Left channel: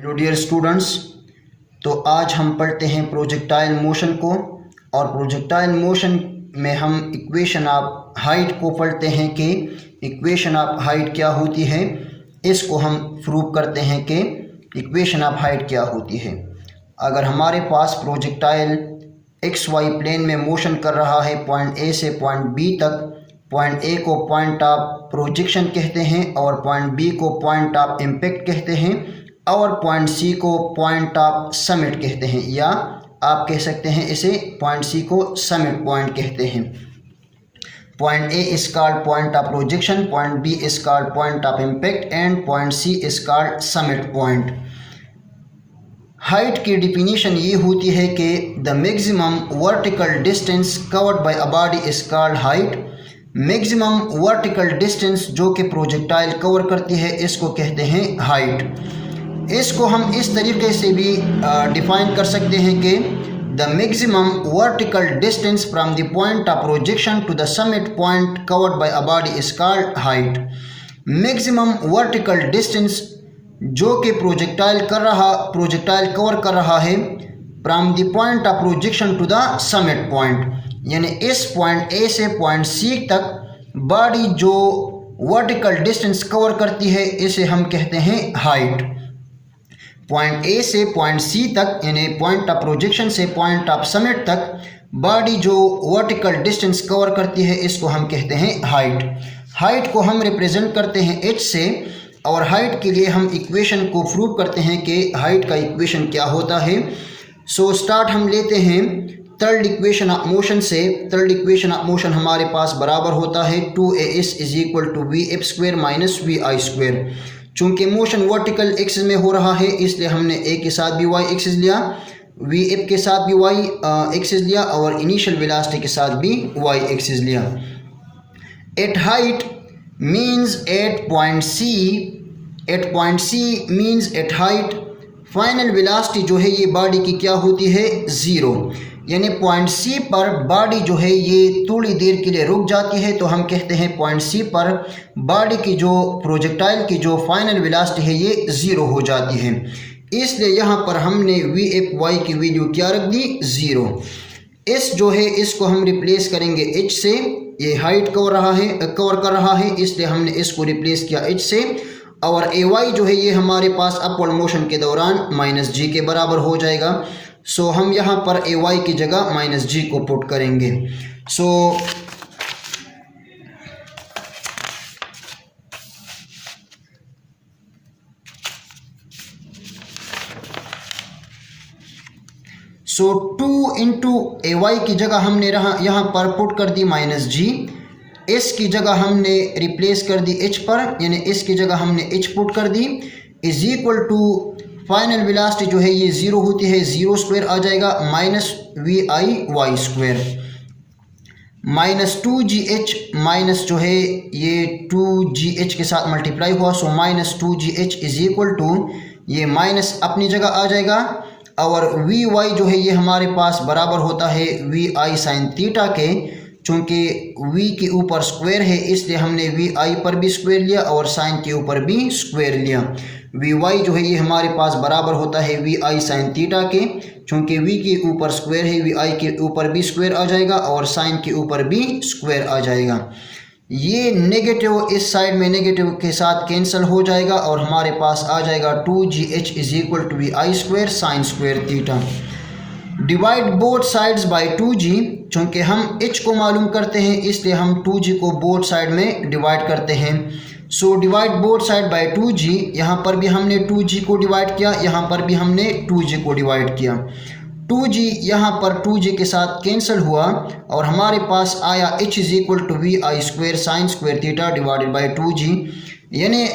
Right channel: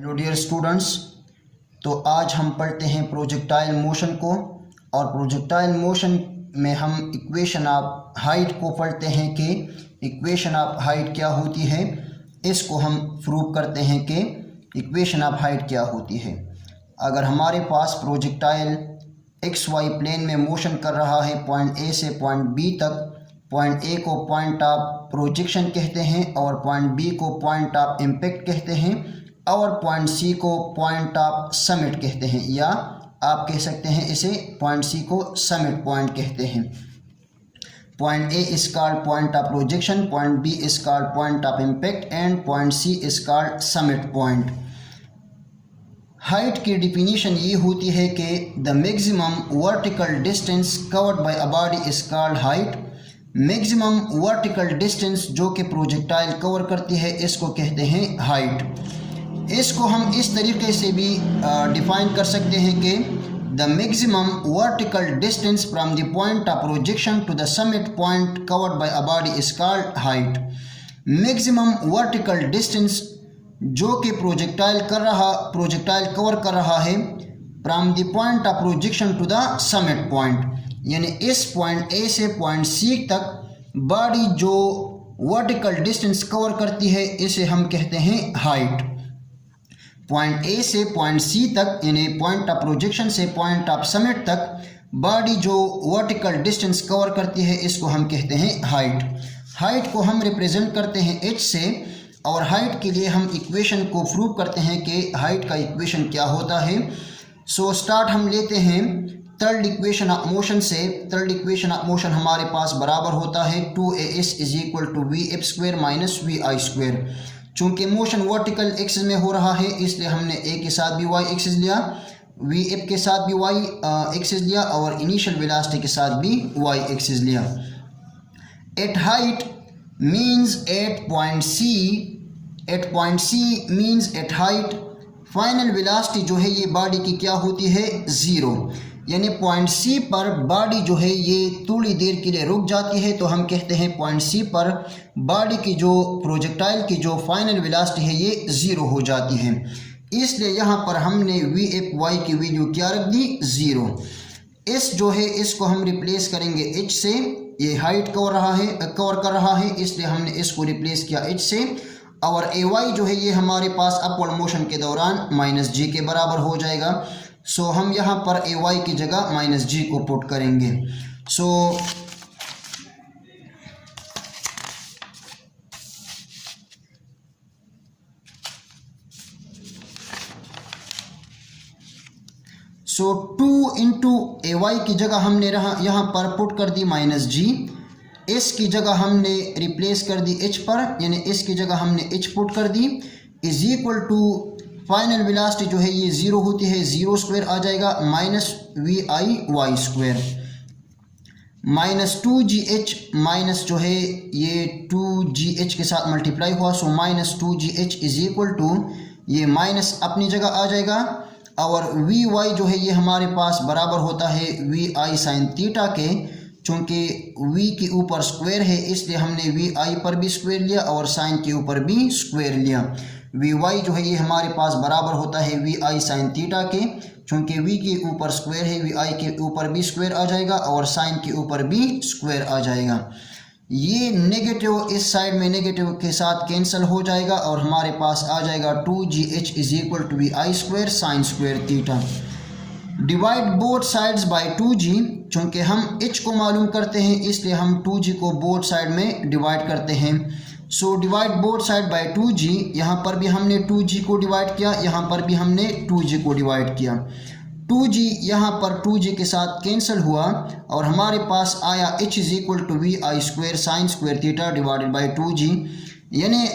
Hello dear students, तो आज हम पढ़ते हैं प्रोजेक्टाइल मोशन को। और प्रोजेक्टाइल मोशन में हम इक्वेशन ऑफ हाइट को पढ़ते हैं कि इक्वेशन ऑफ हाइट क्या होती है। इसको हम प्रूव करते हैं कि इक्वेशन ऑफ हाइट क्या होती है। अगर हमारे पास प्रोजेक्टाइल एक्स वाई प्लेन में मोशन कर रहा है पॉइंट ए से पॉइंट बी तक, पॉइंट ए को पॉइंट ऑफ प्रोजेक्शन कहते हैं और पॉइंट बी को पॉइंट ऑफ इम्पैक्ट कहते हैं और पॉइंट सी को पॉइंट ऑफ समिट कहते हैं, या आप कह सकते हैं इसे पॉइंट सी को समिट पॉइंट कहते हैं। Point A is called point of projection, point B is called point of impact and point C is called summit point. Height की डिफिनीशन ये होती है कि the maximum vertical distance covered by a body is called height. Maximum vertical distance जो कि projectile cover करती है इसको कहते हैं हाइट। इसको हम इस तरीके से भी डिफाइन कर सकते हैं कि the maximum vertical distance from the point of projection to the summit point covered by a body is called height. Maximum vertical distance जो कि प्रोजेक्टाइल कवर कर रहा है from the point of projection to the summit point, यानी इस point A से point सी तक body जो वर्टिकल डिस्टेंस कवर करती है इसे हम कहते हैं हाइट। पॉइंट ए से पॉइंट सी तक यानी पॉइंट ऑफ प्रोजेक्शन से पॉइंट ऑफ समिट तक बॉडी जो वर्टिकल डिस्टेंस कवर करती है इसको हम कहते हैं हाइट। हाइट को हम रिप्रेजेंट करते हैं एच से, और हाइट के लिए हम इक्वेशन को प्रूव करते हैं कि हाइट का इक्वेशन क्या होता है। सो स्टार्ट हम लेते हैं थर्ड इक्वेशन ऑफ मोशन से। थर्ड इक्वेशन ऑफ मोशन हमारे पास बराबर होता है 2as is equal to v f square minus v i square. चूँकि मोशन वर्टिकल एक्सिस में हो रहा है इसलिए हमने ए के साथ भी वाई एक्सिस लिया, वी एफ के साथ भी वाई एक्सिस लिया और इनिशियल वेलोसिटी के साथ भी वाई एक्सिस लिया। At height means at point C means at height final velocity जो है ये बॉडी की क्या होती है, ज़ीरो। यानी पॉइंट सी पर बॉडी जो है ये थोड़ी देर के लिए रुक जाती है, तो हम कहते हैं पॉइंट सी पर बॉडी की जो प्रोजेक्टाइल की जो फाइनल वेलोसिटी है ये ज़ीरो हो जाती है। इसलिए यहाँ पर हमने वी एफ वाई की वैल्यू क्या रख दी, ज़ीरो। इस जो है इसको हम रिप्लेस करेंगे एच से। ये हाइट कवर कर रहा है इसलिए हमने इसको रिप्लेस किया एच से। और ए वाई जो है ये हमारे पास अपवर्ड मोशन के दौरान माइनस जी के बराबर हो जाएगा। सो हम यहाँ पर ए वाई की जगह माइनस जी को पुट करेंगे। सो टू इंटू ए वाई की जगह हमने यहाँ पर पुट कर दी माइनस जी। इस की जगह हमने रिप्लेस कर दी एच पर, यानी इसकी जगह हमने एच पुट कर दी, is equal to final velocity जो है ये ज़ीरो होती है, ज़ीरो स्क्वायर आ जाएगा minus v i y square minus 2gh minus जो है ये 2gh के साथ मल्टीप्लाई हुआ। So minus 2gh is equal to ये माइनस अपनी जगह आ जाएगा और वी वाई जो है ये हमारे पास बराबर होता है वी आई साइन थीटा के। चूँकि v के ऊपर स्क्वायर है इसलिए हमने वी आई पर भी स्क्वायर लिया और साइन के ऊपर भी स्क्वायर लिया। वी वाई जो है ये हमारे पास बराबर होता है वी आई साइन थीटा के। चूँकि v के ऊपर स्क्वायर है वी आई के ऊपर भी स्क्वायर आ जाएगा और साइन के ऊपर भी स्क्वायर आ जाएगा। ये नेगेटिव इस साइड में नेगेटिव के साथ कैंसिल हो जाएगा और हमारे पास आ जाएगा 2gh is equal to v i square sine square theta. Divide both sides by 2g। चूँकि हम h को मालूम करते हैं इसलिए हम 2g को बोथ साइड में डिवाइड करते हैं। So divide both side by 2g। यहाँ पर भी हमने 2g को डिवाइड किया, यहाँ पर भी हमने 2g को डिवाइड किया। 2g यहाँ पर 2g के साथ कैंसिल हुआ और हमारे पास आया h is equal to v i square sine square theta divided by 2g, यानी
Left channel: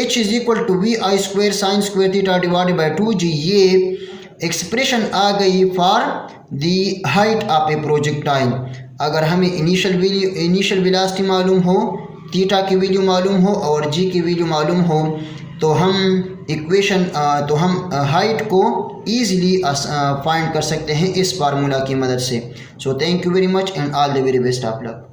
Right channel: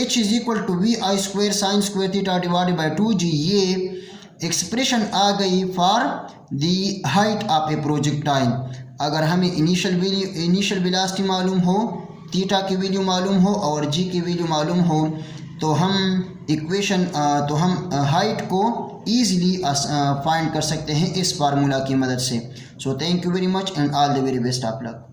h is equal to v i square sine square theta divided by 2g। ये एक्सप्रेशन आ गई for the height of a projectile. अगर हमें initial velocity मालूम हो, theta की value मालूम हो और जी की वैल्यू मालूम हो तो हम हाइट को ईजिली फाइंड कर सकते हैं इस फार्मूला की मदद से। So thank you very much and all the very best of luck.